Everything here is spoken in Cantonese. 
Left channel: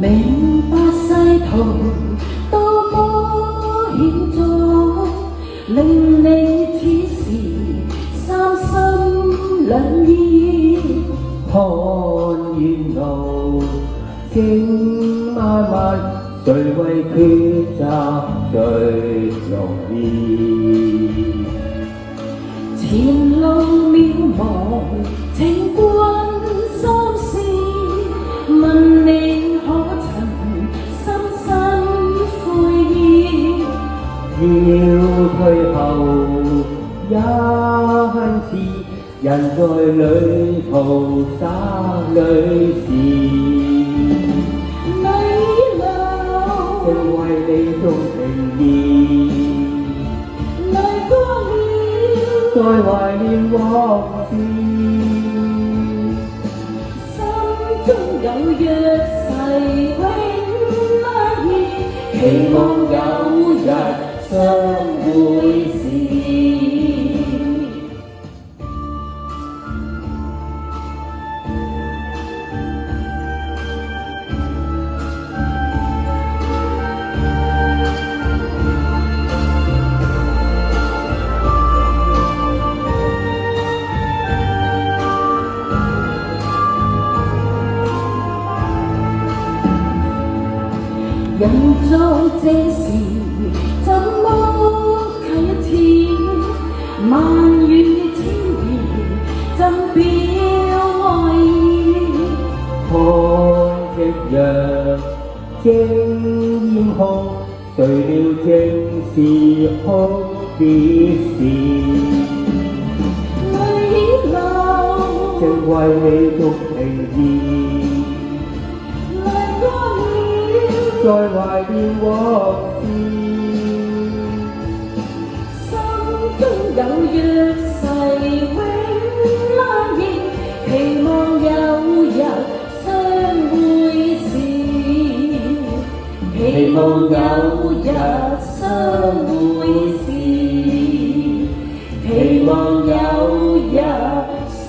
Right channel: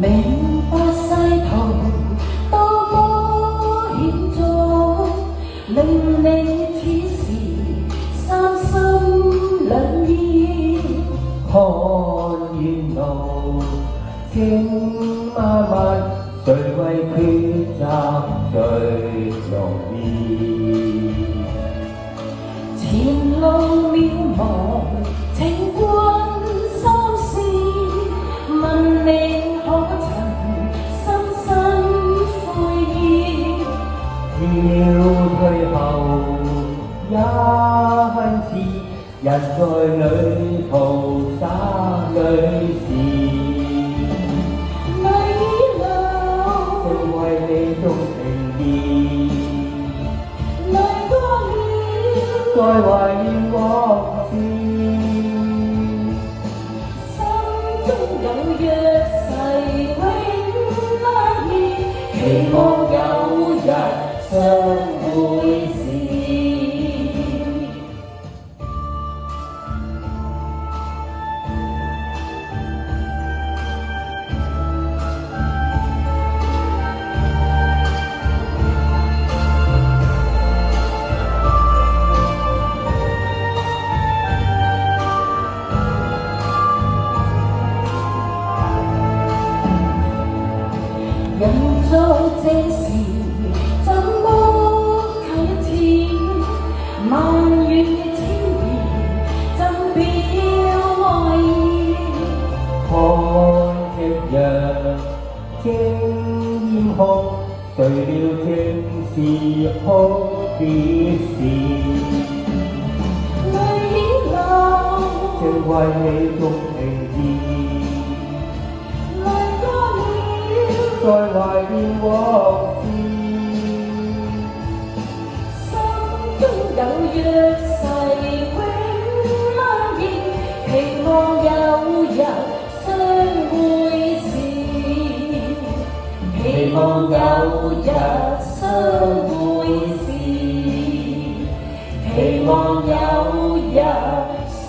明白世途多麼險阻，令你此時三心兩意。看沿路經漫漫，誰為抉擇最容易？前路渺茫，情困心事，問你可曾深深悔意？要退後也恨遲，人在旅途灑淚時。迷路，正為你鍾情意，來過了，再懷念往事。心中有約誓永不移，期望有日相會時。人做這事怎麼啟齒？萬語千言怎表愛意？看夕陽經煙空，誰料正是哭別時。淚流，正為你鍾情意，再懷念往事。心中有約誓永安然，期望有日相會時，期望有日相會時，期望有日相